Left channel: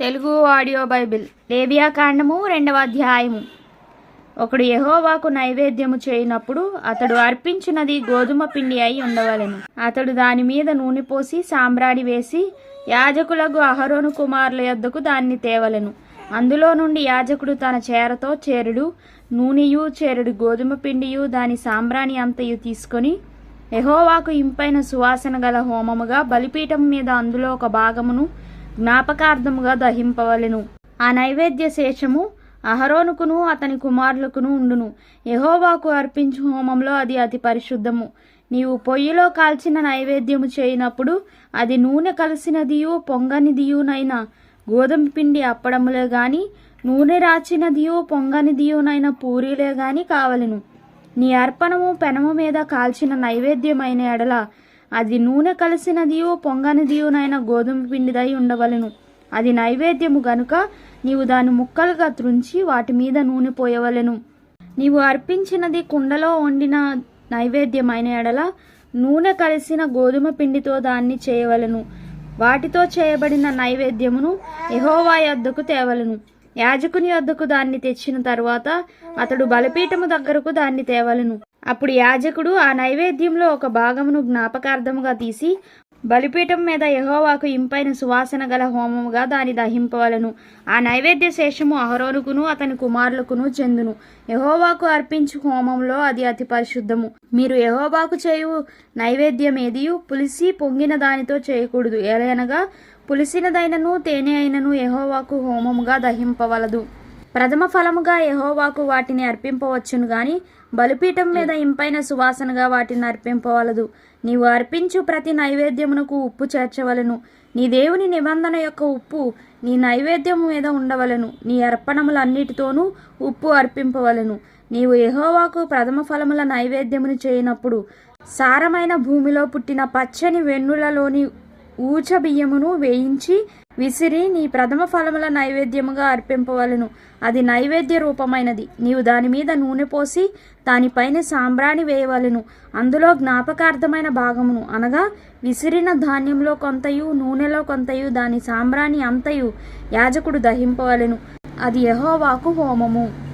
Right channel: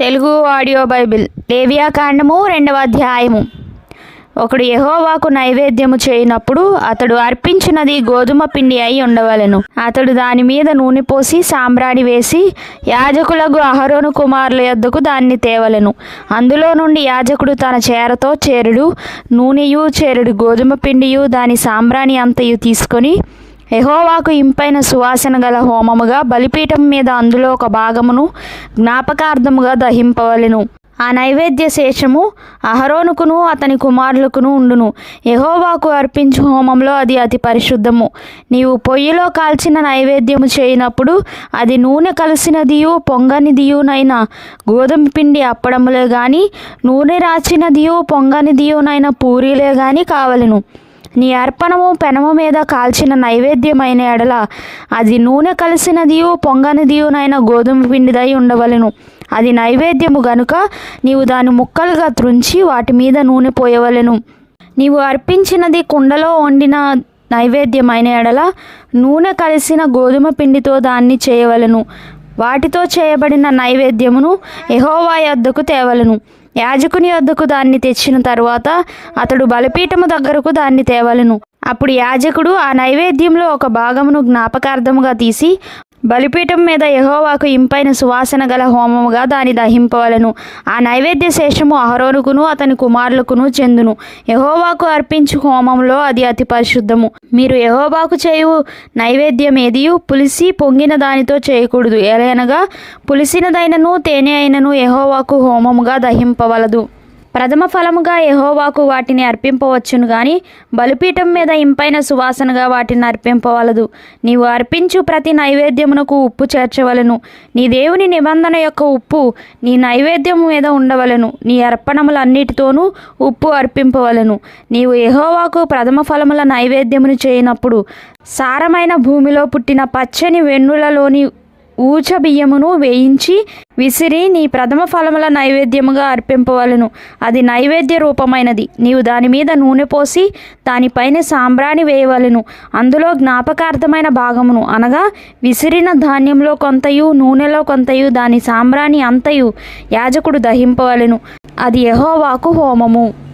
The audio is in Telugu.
తెలుగు ఆడియో బైబిల్ లేవియాకాండము రెండవ అధ్యాయము. ఒకడు యహోవాకు నైవేద్యము చేయనప్పుడు అతడు అర్పించినది గోధుమ పిండి అయి ఉండవలెను. అతడు దాని మీద నూనె పోసి సాంబ్రాణి వేసి యాజకులకు అహరోను కుమారుల యొద్దకు దాన్ని తేవలెను. అందులో నుండి యాజకుడు తన చేరతో చేరుడు నూనెయు చేరుడు గోధుమ పిండియు దాని సాంబ్రాణి అంతయు తీసుకొని యహోవాకు ఇంపైన సువాసన గల హోమముగా బలిపీఠం మీద అందులో ఒక భాగమును జ్ఞాపకార్థముగా దహింపవలెను. ఆ నైవేద్య శేషము అహరోనుకును అతని కుమారులకును ఉండును. యహోవాకు అర్పించు హోమంలో అది అతి పరిశుద్ధము. నీవు పొయ్యిలో కాల్చిన నైవేద్యము చేయనప్పుడు అది నూనె కలిసినదియు పొంగనిదియునైన గోధుమ పిండి అప్పడములే గాని నూనె రాచినదియు పొంగనిదియునైన పూరీలే గాని కావలెను. నీ అర్పణము పెనము మీద కాల్చిన నైవేద్యమైన ఎడల అది నూనె కలిసినదియు పొంగనిదియునైన గోధుమ పిండిదై ఉండవలెను. అది నైవేద్యము గనుక నీవు దాని ముక్కలుగా త్రుంచి వాటి మీద నూనె పోయవలెను. నీవు అర్పించినది కుండలో వండిన నైవేద్యమైన ఎడల నూనె కలిసిన గోధుమ పిండితో దాన్ని చేయవలెను. వాటితో చేయబడిన నైవేద్యమును ఎహోవా యొద్దకు తేవలెను. యాజకుని వద్దకు దాన్ని తెచ్చిన తరువాత అతడు బలిపీఠము దగ్గరకు దాన్ని తేవలెను. అప్పుడు యాజకుడు ఆ నైవేద్యంలో ఒక భాగమును జ్ఞాపకార్థముగా తీసి బలిపీఠం మీద యహోవాకు ఇంపైన సువాసన గల హోమముగా దాని దహింపవలెను. ఆ నైవేద్య శేషము అహరోనుకును అతని కుమారులకును చెందును. యహోవాకు అర్పించు హోమంలో అది అతి పరిశుద్ధము. మీరు యెహోవాకు చేయు నైవేద్యం ఏదియు పులిసి పొంగిన దానితో చేయకూడదు. ఎలయనగా పులిసినదైనను తేనె అయినను యహోవాకు హోమముగా దహింపవలదు. ప్రథమ ఫలముగా ఎహోవాకు వాటిని అర్పింపవచ్చును గాని బలిపీఠం మీద ఇంపైన సువాసనగా వాటిని అర్పింపవలదు. నీవు అర్పించు ప్రతి నైవేద్యమునకు ఉప్పు చేర్చవలెను. నీ దేవుని నిబంధన యొక్క ఉప్పు నీ నైవేద్యము మీద ఉండవలెను. నీ అర్పణములన్నిటితోనూ ఉప్పు అర్పింపవలెను. నీవు ఎహోవాకు ప్రథమ ఫలముల నైవేద్యమును చేయనప్పుడు సారమైన భూమిలో పుట్టిన పచ్చని వెన్నులలోని ఊచ బియ్యమును వేయించి విసిరి నీ ప్రథమ ఫలముల నైవేద్యముగా అర్పింపవలను. అది నైవేద్య రూపమైనది. నీవు దాని మీద నూనె పోసి దానిపైన సాంబ్రాణి వేయవలెను. అందులో జ్ఞాపకార్థమైన భాగమును అనగా విసిరిన ధాన్యంలో కొంతయు నూనెలో కొంతయు దాని సాంబ్రాణి అంతయు యాజకుడు దహింపవలెను. అది యహోవాకు హోమము.